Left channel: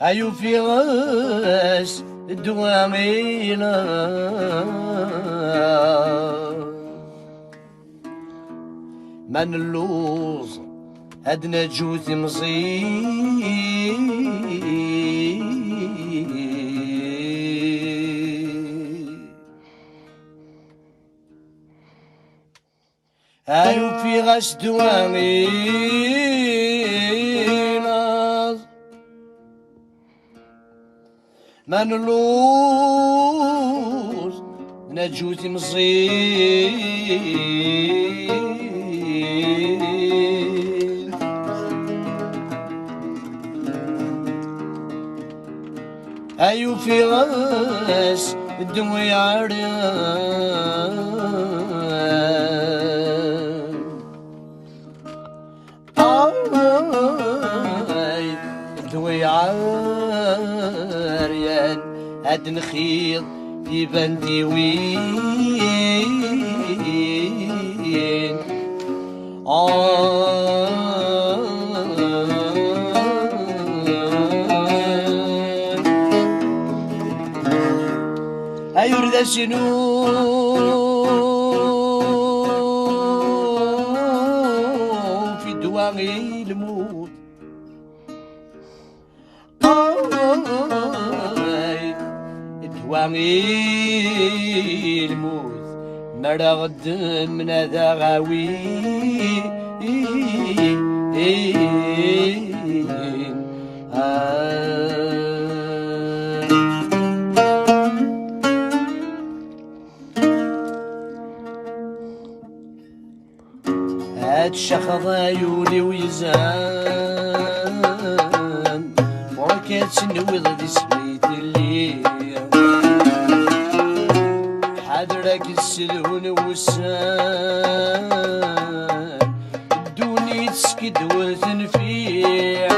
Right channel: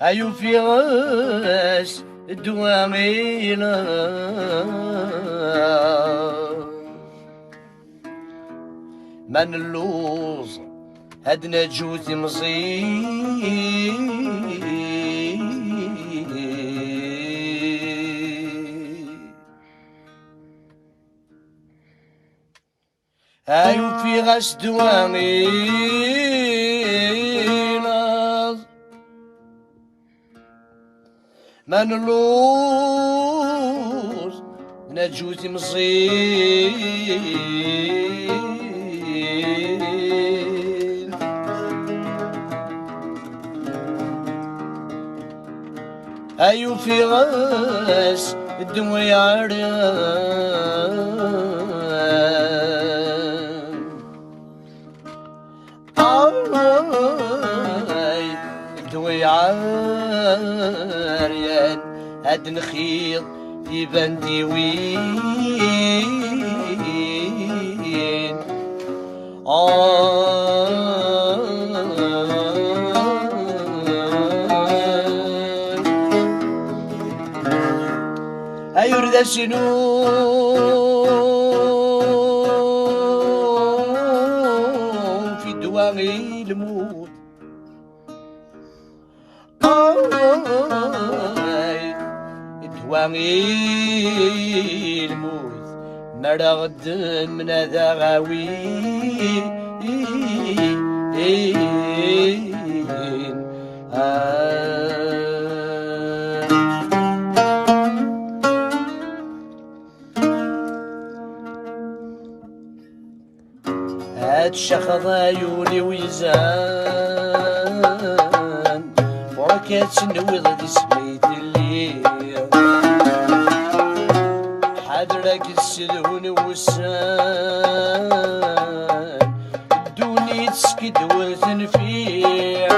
هايو في غاس الدوامينا من اللوز هدنا جوتي مصير هايو في غاس دوامينا من اللوز نجوتي مصير أيو في غاس الدموي عريان الدموي عريان هاد نخيض في بندي وين أيرد شنو في دواغي الموت دواغي الموت مرغد من هذا غاوي هاد الشخض عيوني ويزان وركات سنوض دي سميت الليل حضرك السلون والسان الدوني تسكد وتنفيع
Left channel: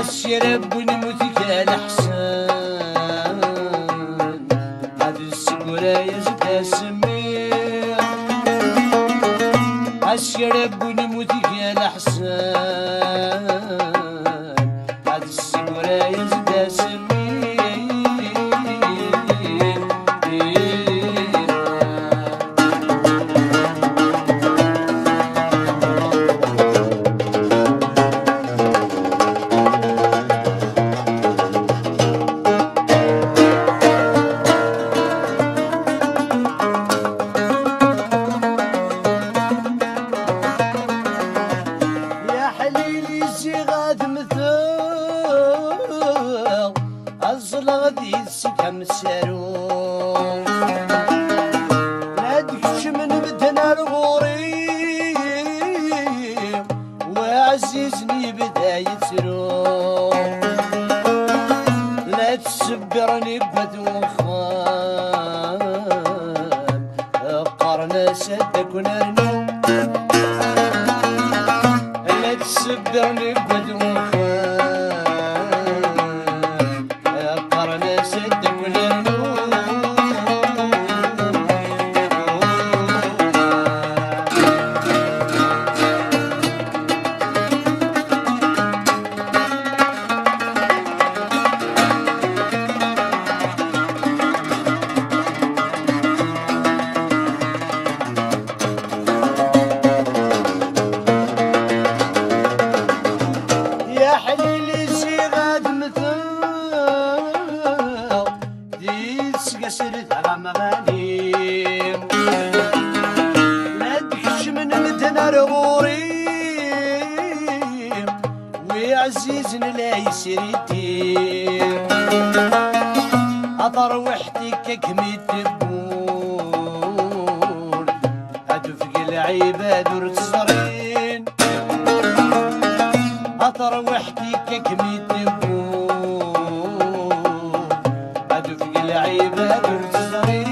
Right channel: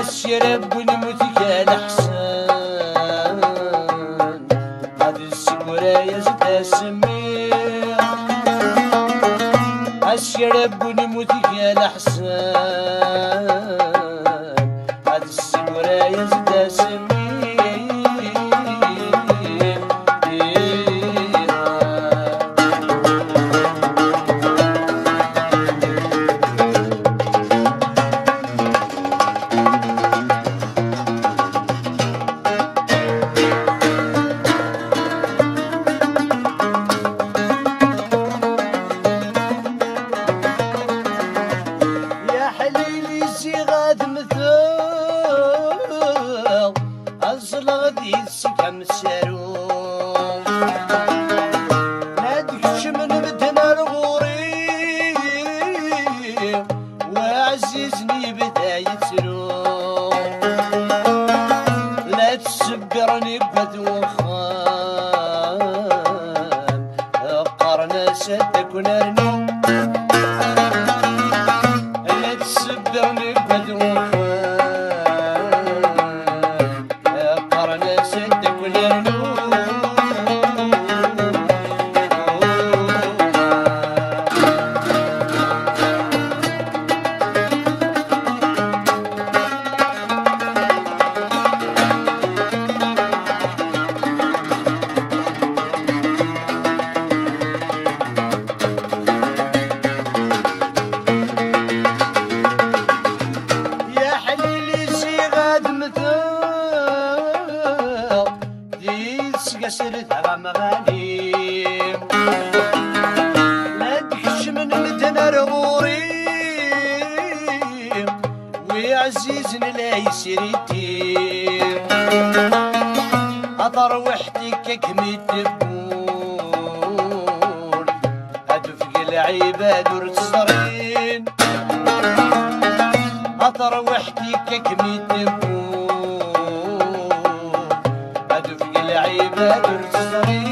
الشرب ونموتك الحسان هاد السكورة يزد سميع الشرب ونموتك الحسان هاد السكورة يزد سميع غادي يسكم السارو نادكش من بدنا الغوري وعزيزني بدا يترو لا تسبرني بدوخان قرنا سدك ونرنو لا تسبرني بدوخان سرت غمغاني لا تحش من مدنا الغوري وعزيزنا لا يسرتي أطر وحدك كمي تبور أدفق العباد ورتصرين أطر وحدك كمي تبور أدفق العباد ورتصرين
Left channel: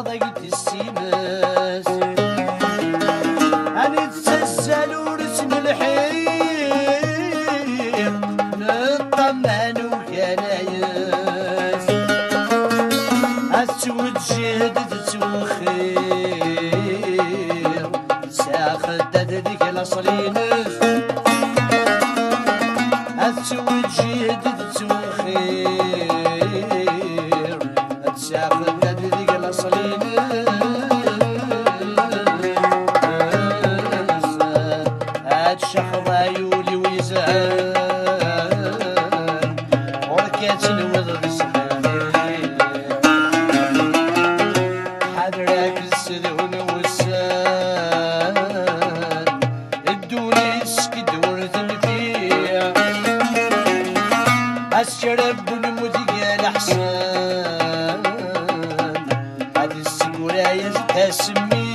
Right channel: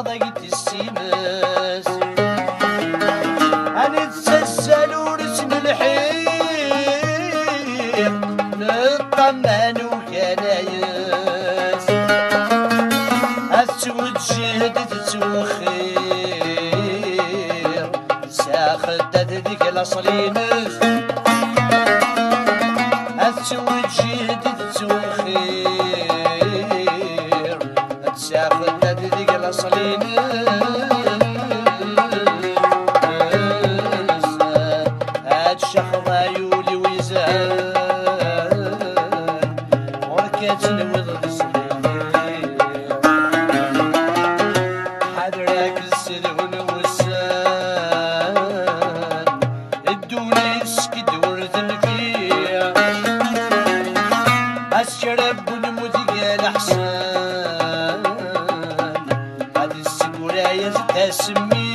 ضيت السيماس أنا تسلسل ورسم الحيق نطمن وكنايس أسود جهد تسوخير ساخدت ذيك الأصلينس أسود جهد تسوخير ساخدت ذيك الأصلينس هاد شخضا يولي ويزال وركات نوض بسلامي حدرك السلون والسان الدوني سكد ورث الفيا الشرب ونمذيق الأحسان هاد السكورايز تسمي